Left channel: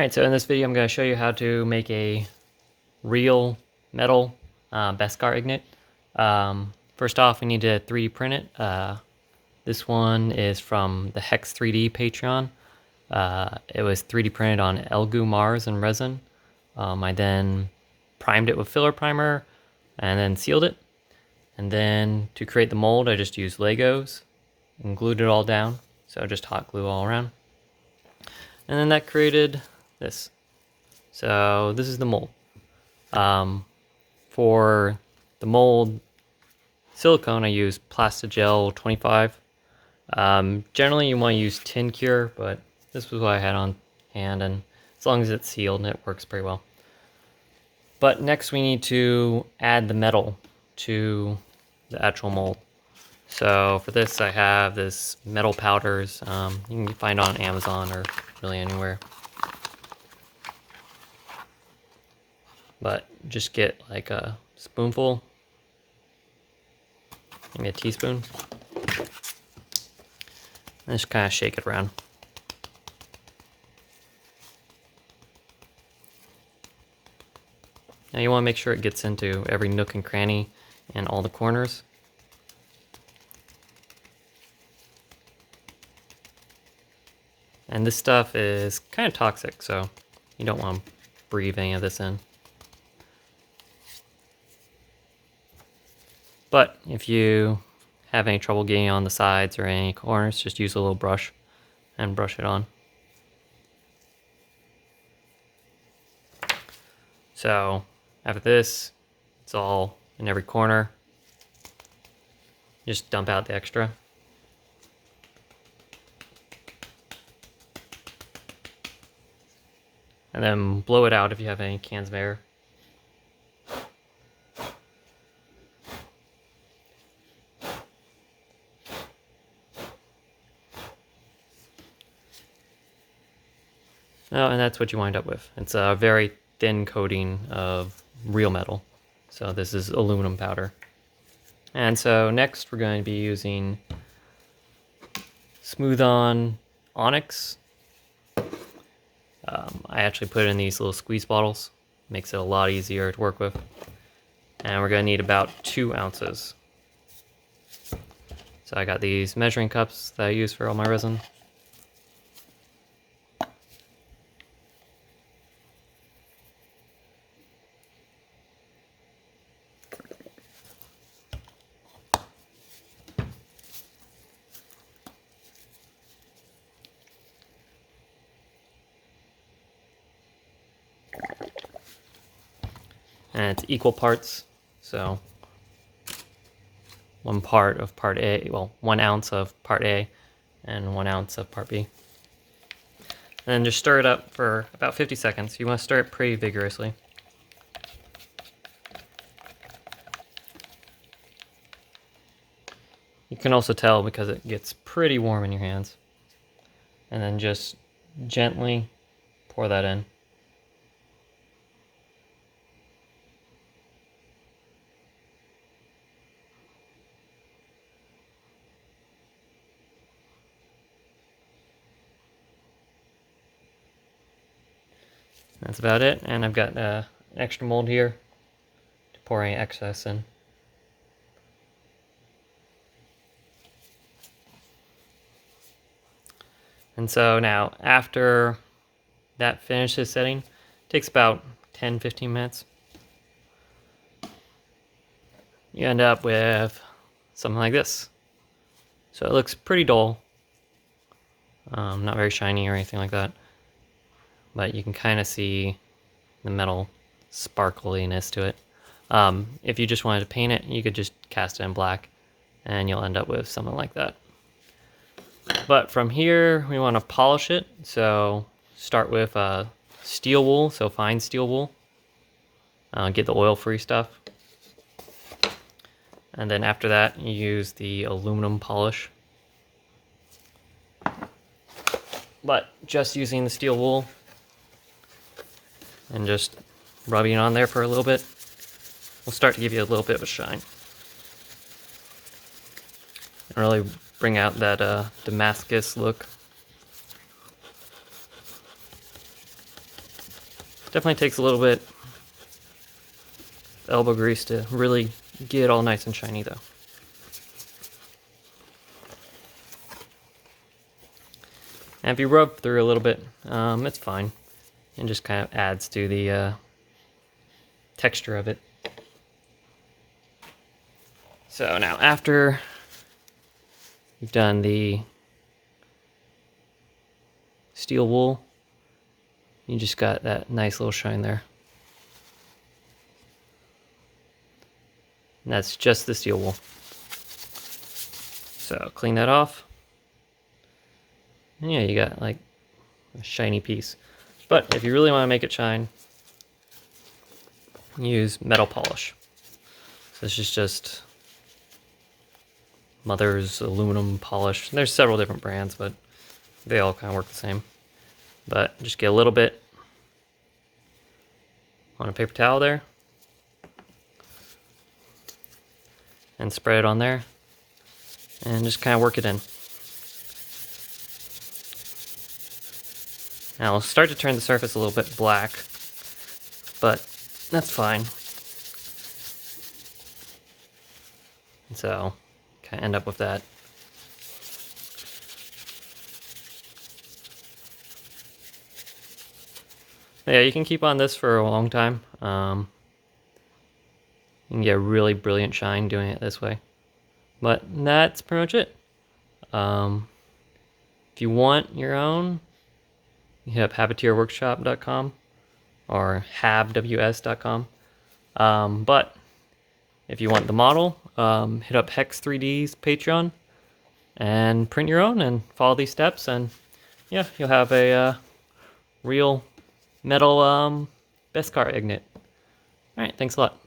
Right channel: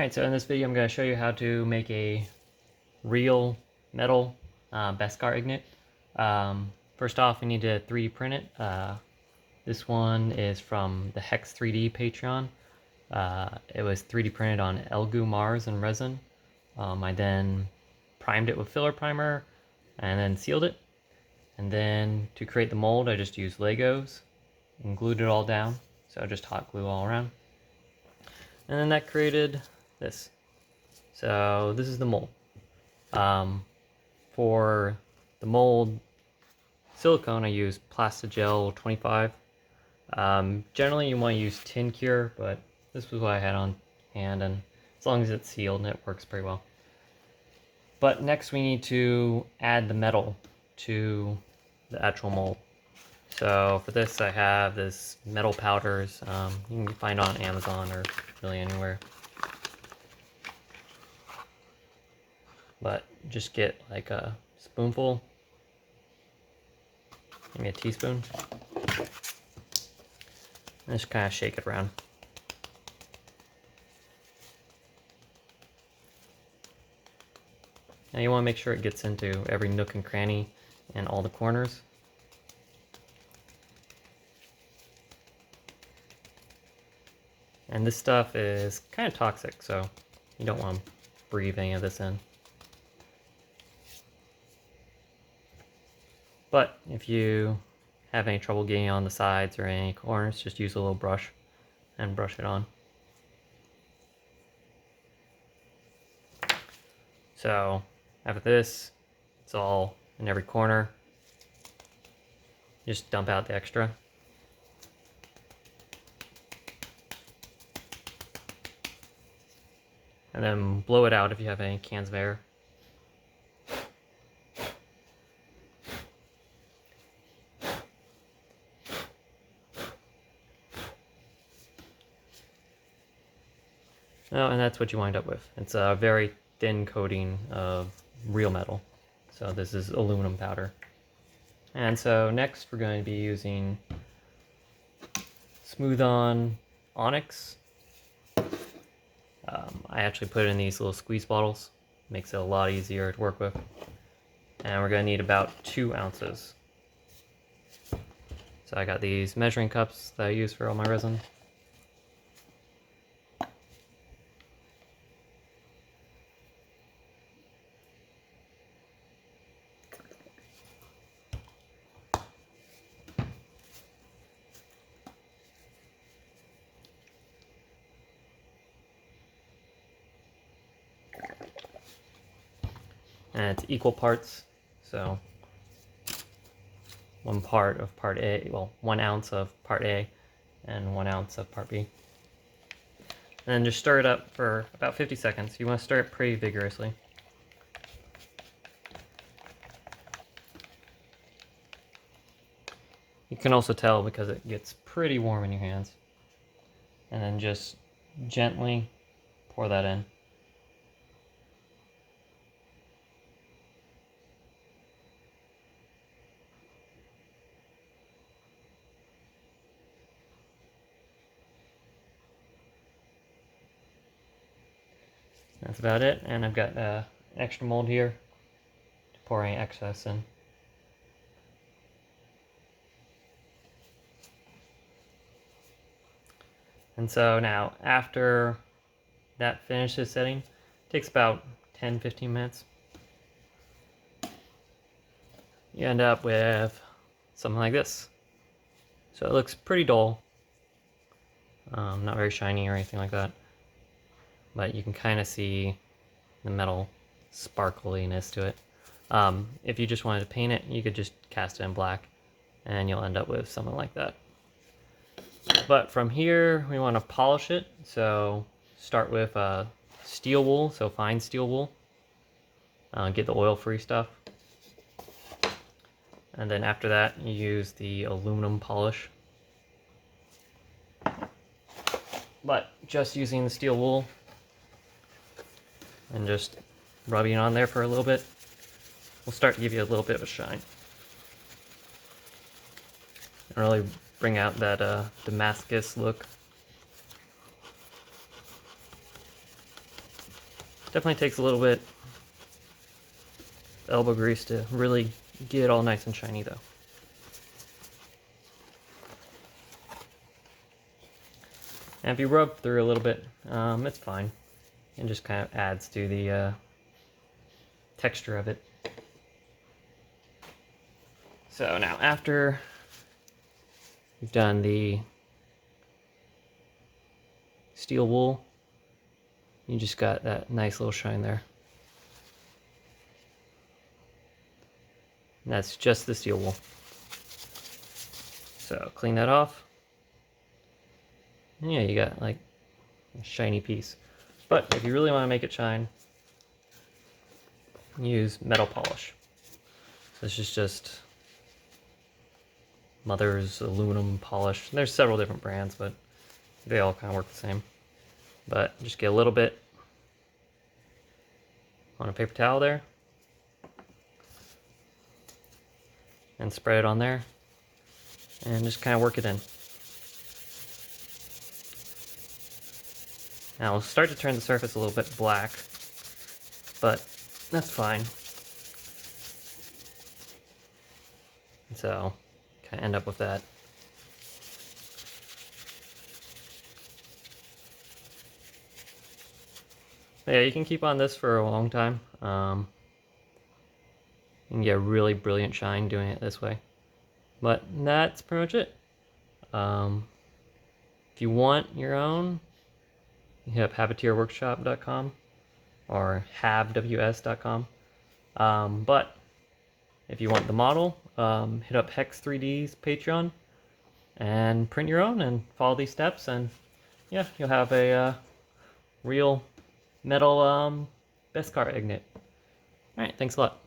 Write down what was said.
Alright, so in this video I'm going to show you how to make a real metal beskar ingot. First off, we need to 3D print it. This one is from the Hex 3D Patreon. It was 3D printed on Elgu Mars and resin. I then primed it with filler primer and then sealed it. And then to create the mold, I just used Legos and glued it all down. So just hot glue all around. And then that created this. So this is the mold. For the mold silicone, I use Plastigel 25. Generally you want to use tin cure, but this was what I had on hand, and as long as it's sealed, it works pretty well. But next we need to add the metal to the actual mold. So for this I have this metal powders. You can find on Amazon or really anywhere. But just get like a spoonful, maybe a teaspoon, and just kind of shake it around. Now you want to make sure it gets into every nook and cranny and all the corners. And this stuff is kind of toxic, so you don't want to breathe any of this in. But if you have any trouble getting on the sides or any corners, just use a little brush and brush it on. So after this, it's all in every corner. Just dump out the extra. And then blow it out if you have any cans of air. Oh, and that's what you wind up with. It's a very thin coating of real metal. So this is aluminum powder. And so next we're going to be using Smooth On Onyx. I actually put it in these little squeeze bottles. Makes it a lot easier to work with. And we're going to need about 2 ounces. So I got these measuring cups that I use for all my resin. And it's equal parts, so 1 part of part A, well, 1 ounce of part A and 1 ounce of part B. And then just stir it up for about 50 seconds. You want to stir it pretty vigorously. You can also tell because it gets pretty warm in your hands. And then just gently pour that in. That's about it, and I've got an extra mold here to pour any excess in. And so now, after that finishes setting, it takes about 10-15 minutes. You end up with something like this. So it looks pretty dull, not very shiny or anything like that. But you can kind of see the metal sparkliness to it. If you just wanted to paint it, you could just cast it in black and you'll end up with something like that. But from here, we want to polish it. So start with steel wool, so fine steel wool. Get the oil-free stuff. And then after that, you use the aluminum polish. But just using the steel wool, and just rubbing it on there for a little bit will start to give you a little bit of a shine. And really bring out that Damascus look. Definitely takes a little bit elbow grease to really get it all nice and shiny though. And if you rub through a little bit, it's fine. And just kind of adds to the texture of it. So now after you've done the steel wool, you just got that nice little shine there. And that's just the steel wool. So clean that off. And yeah, you got like a shiny piece. But if you really want to make it shine, use metal polish. This is just Mother's aluminum polish. There's several different brands, but they all kind of work the same. But just get a little bit on a paper towel there. And spread it on there. And just kind of work it in. Now it'll start to turn the surface a little bit black, but that's fine. So, kind of end up with that. Yeah, you can keep on this for a long time. You can get a really brilliant shine doing it this way. But that's pretty much it. If you want your own, you hit up habiteerworkshop.com or habws.com. But if you want the model, hit up Hex 3D's Patreon and print your own and follow these steps, and yeah, you'll have a real metal beskar ingot. All right, thanks a lot.